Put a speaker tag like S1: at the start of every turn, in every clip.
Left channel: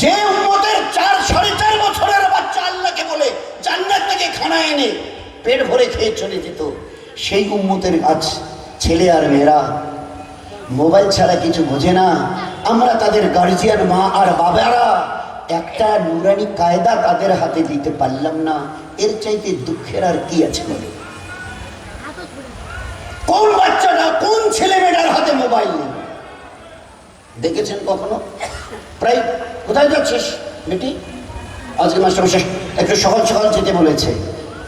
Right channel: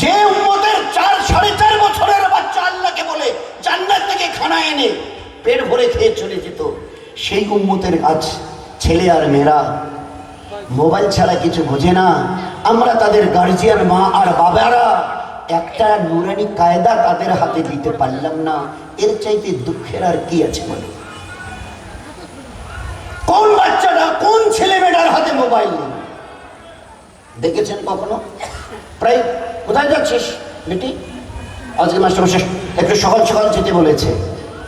S1: যে উম্মতের চার, সাড়ে চার বছরের বাচ্চা আল্লাহকে বলে জান্নাত থেকে খানা এনে পেট ভরে খেয়ে চলে যেত, সেই উম্মতের আজ ছেলে আর মেয়েরা মোবাইল ছাড়া কিছু বোঝে না। আমরা তাদের গার্জিয়ান মা আর বাবারা একটা নুরানি কায়দা তাদের হাতে দিতে পারলাম না। এর চাইতে দুঃখের আর কি আছে বলো? কোন বাচ্চাটা কোন ছেলে মেয়েটার হাতে মোবাইল নেই? দেখেছেন কখনো? প্রায় কোথায় যাচ্ছিস, বেটি? আজকে মাস্টারমশাই, একটু সকাল সকাল যেতে বলেছে।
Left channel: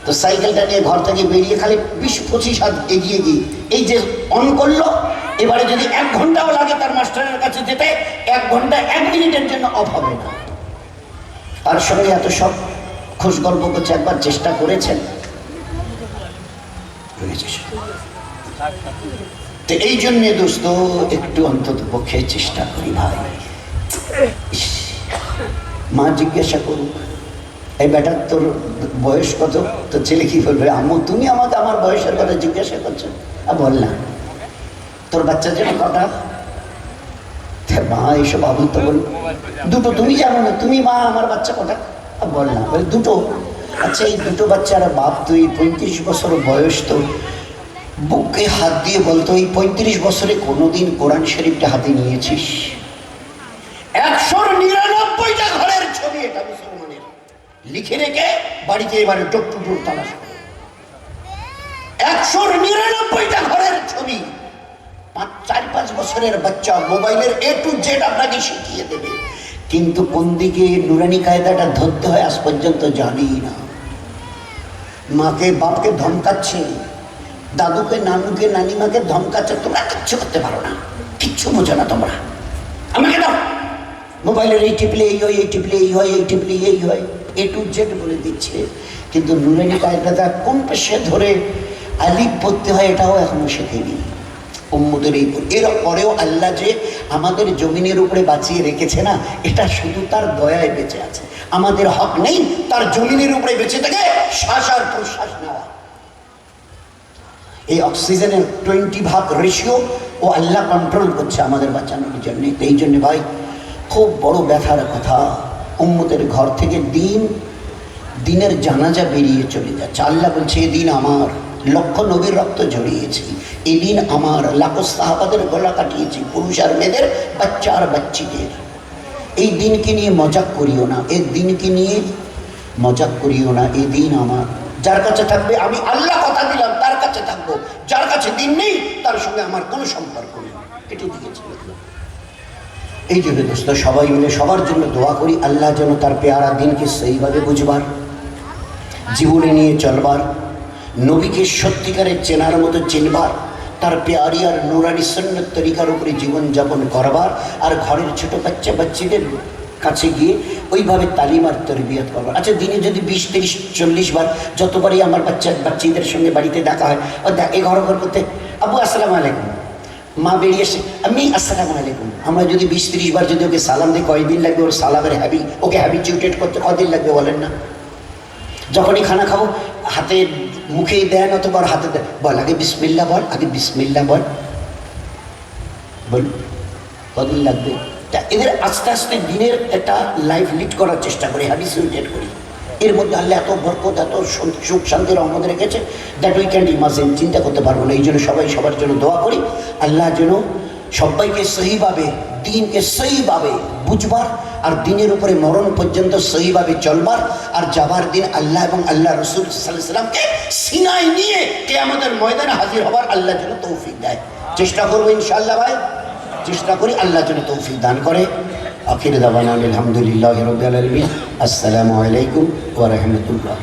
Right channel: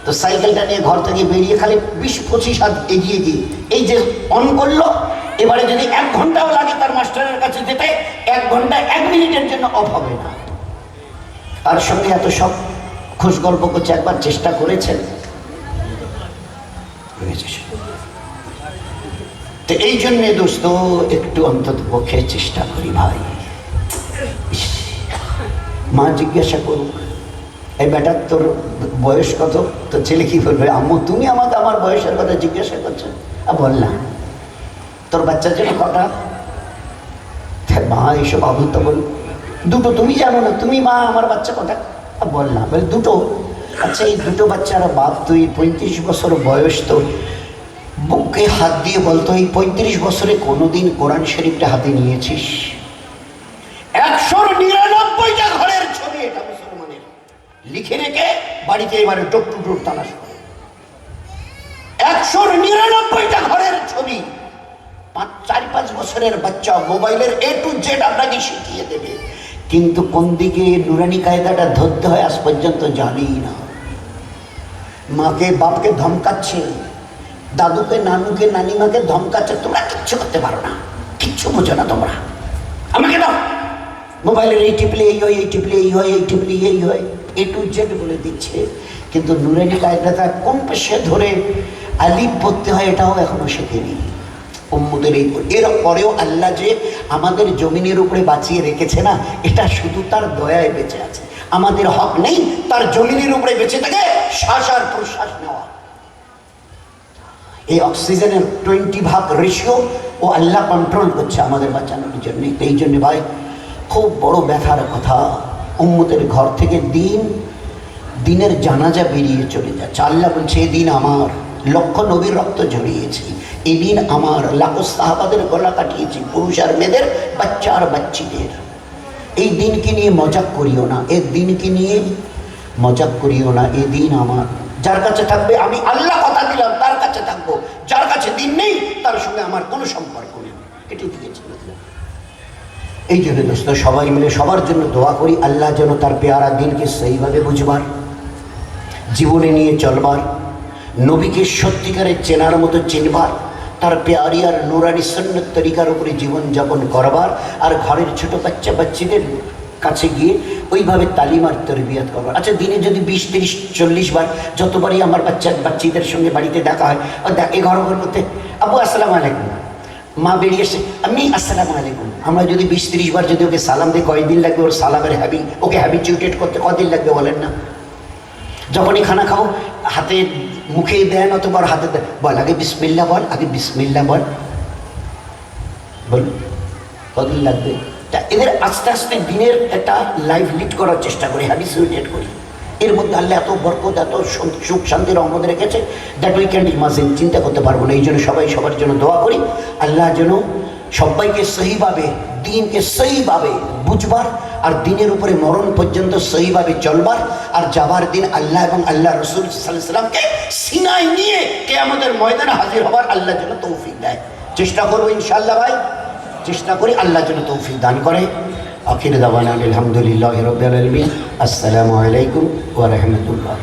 S1: তো সাইকেলটা নিয়ে ঘর থেকে বেরিয়ে খালি বিশ পঁচিশ হাত এগিয়ে গিয়ে, এই যে অন করল, এবারে যদি এক ঘন্টাও লাগে তার মাস্টারের কাছে যেতে, এক ঘণ্টা, এক মিনিটের জন্য অফ হবে না। তার সঙ্গে এত সব খোঁজ গল্প করছে, একবার চেষ্টা করেছেন? এই জন্যে দোস্ত, একটু অন্তত পক্ষে চেষ্টা করি ভাই। মা জিজ্ঞাসা করুক, এই বেটার তোর বয়স কত? তো ছেলে কি বলবে? আম্মু, তুমি আমাকে আমার বয়সের কথা জিজ্ঞাসা করছ? আর বল না। তোর বাচ্চার জন্য কটা? মা, এইসব আবুল তো বল। দুটো, তুমি জানো না, তুমি মা, আমার বাচ্চা কটা? আর বল না। বলে, দুটো। আচ্ছা এই দুটো বাচ্চার বাপ তুই পঁয়ত্রিশ বছর বয়স তো বুকে হাত দিয়ে বলতো, এই পঁয়ত্রিশ বছরে কোনোদিন কোরআন শরীফটা হাতে নিয়েছিস? একশো নিরানব্বইটা ঘরের ছবি এটা মুসলমানের লিখে রেখে বাড়িতে এবারে টুক টুক একশো নিরানব্বইটা ঘরের ছবি। পাঁচ, চার, পাঁচ বছরের বাচ্চা মোবাইলের এ টু জেড আপনাকে শিখিয়ে দেবে। কিন্তু কোন দিকে নুরানি কায়দাটা ধরতে হয় আজ পর্যন্ত জানি না। মাকে, বাপকে ধমকাচ্ছে। দাদুকে, নানুকে, নানিমাকে ধমকাচ্ছে। তোমরা কিচ্ছু করতে পারো না। কিচ্ছু বোঝো না তোমরা। আমাকে দাও মোবাইলের এই টিপলে এই হয়, এই টিপলে এই হয়, এই টিপলে এই হয়, এ টু জেড বলে দিচ্ছে। কিন্তু নুরানি কায়দাটা কোন পেশে ধরে আলিপ পড়তে হয় এটাও এখনও শেখেনি। উম্মদের এই এর পরেও আল্লাহ যে আমাদের জমিনের উপরে বাঁচিয়ে রেখেছে না, এটা শুধু তার দয়ায় বেঁচে আছে। আমাদের হক নেই, তার জমিনের উপরে বেঁচে থেকে শ্বাস আর প্রশ্বাস নেওয়া। এই অক্সিজেনের টোয়েন্টি ভাগ রেশিও ও আল্লাহ কন্ট্রোল করছে আমাদের বাঁচানোর জন্য। এই জন্য ভাই খুব বড় ব্যথার কথা। উম্মতের ঘর থেকে দিন, দিনের জানাজা বেরিয়ে চলে যাচ্ছে আল্লাহ বলছে এদিন আমার লক্ষ নবীর রক্ত ঝরিয়েছি এদিন আমার লাখো সাহাবাদের গলা কাটিয়েছি। পুরুষ আর মেয়েদের, বাচ্চা আর বাচ্চিদের। এই দিনকে নিয়ে মজাক করিও না। এই দিনকে নিয়ে মজাক করিও না। এই দিন আমার যার কাছে থাকবে, আমি আল্লাহ কথা দিলাম, তার কাছে থাকব। যার কাছে দিন নেই, তার সঙ্গে আমার কোনো সম্পর্ক নেই। এটি দিয়েছে এই জন্য দোস্ত, সবাই মিলে সবার জন্য দোয়া করি, আল্লাহ যেন তার পেয়ারা দিনকে সেইভাবে বুঝবার, জীবনে নিয়ে চলবার, নবীকে সত্যিকারের চেনার মতো চিনবার, তার পেয়ারি আর নুরানি সন্ন্যত তরিকার উপরে জীবনযাপন করবার আর ঘরের ছোট বাচ্চা বাচ্চাদের কাছে গিয়ে ওইভাবে তালিম আর তরবিয়ত করবার। আচ্ছা দিনে যদি বিশ, তিরিশ, চল্লিশ বার যতবারই আমার বাচ্চা, বাচ্চাদের সঙ্গে বাড়িতে দেখা হয় দেখ, এ ঘর ঘর করতে, আবু, আসসালামু আলাইকুম। মা বেরিয়ে এসে আমি আসসালামু আলাইকুম। আমরা যদি বিশ তিরিশ বার যদি ওকে সালাম দিই, কয়দিন লাগবে ওর সালামের হ্যাবি ওকে হ্যাবিচুয়েটেড করতে কদিন লাগবে বলেন না? যখনই খানা খাও হাতে মুখে দেন অথবা হাতে দেন, বল, আগে বিসমিল্লা বল, আগে বিসমিল্লা বল। বল কদিন লাগবে? তা এদের আস্তে আস্তে দিনের একটা লাইফ লিড করার চেষ্টা করি হ্যাবিচুয়েটেড করি। এর মধ্যে আল্লাহ এত বরকত, এত সুখ শান্তির আমাদের রেখেছে দ্যাট উই ক্যান ইমাজিন চিন্তা করতে পারব না। এই জন্য সবাই সবার জন্য দোয়া করি। আল্লাহ যেন সবাইকে সহিভাবে, দিনকে সহিভাবে বুঝবার আর দিনের উপরে মরণ পর্যন্ত সহিভাবে চলবার আর যাবার দিন আল্লাহ এবং আল্লাহ রসুল সাল্লামকে সিনাই নিয়ে কে আমাদের ময়দানে হাজির হবার আল্লাহ যেন তৌফিক দেয়। চেষ্টা করব ইনশাল্লাহ ভাই। চেষ্টা করি আল্লাহ যেন তৌফিক দান করে। আখির দাওয়ানা আলহামদুলিল্লাহ রবিল আলমিন আসসালামু আলাইকুম ওয়া রাহমাতুল্লাহ